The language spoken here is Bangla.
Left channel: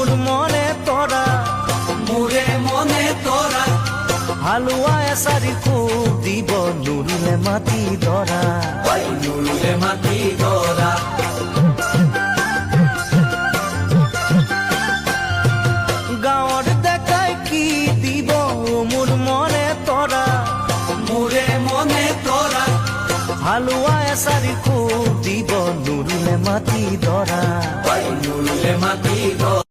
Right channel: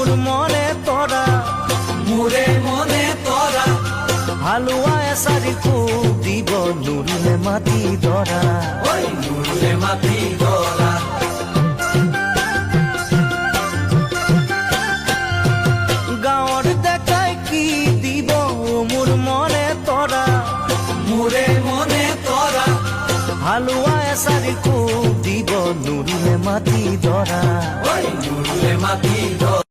মোর মনে তোরা মোরে মনে তোরা হালুয়া এসারি খুব দিব নুরিলে মাটি দরা নুরিলে মাটি দরা গাঁৱৰ দেখাই কি দিব মোর মনে তোরা মোরে মনে তোরা হালুয়া এসারি খুব দিব নুরিলে মাটি দরা নুরিলে মাটি দরা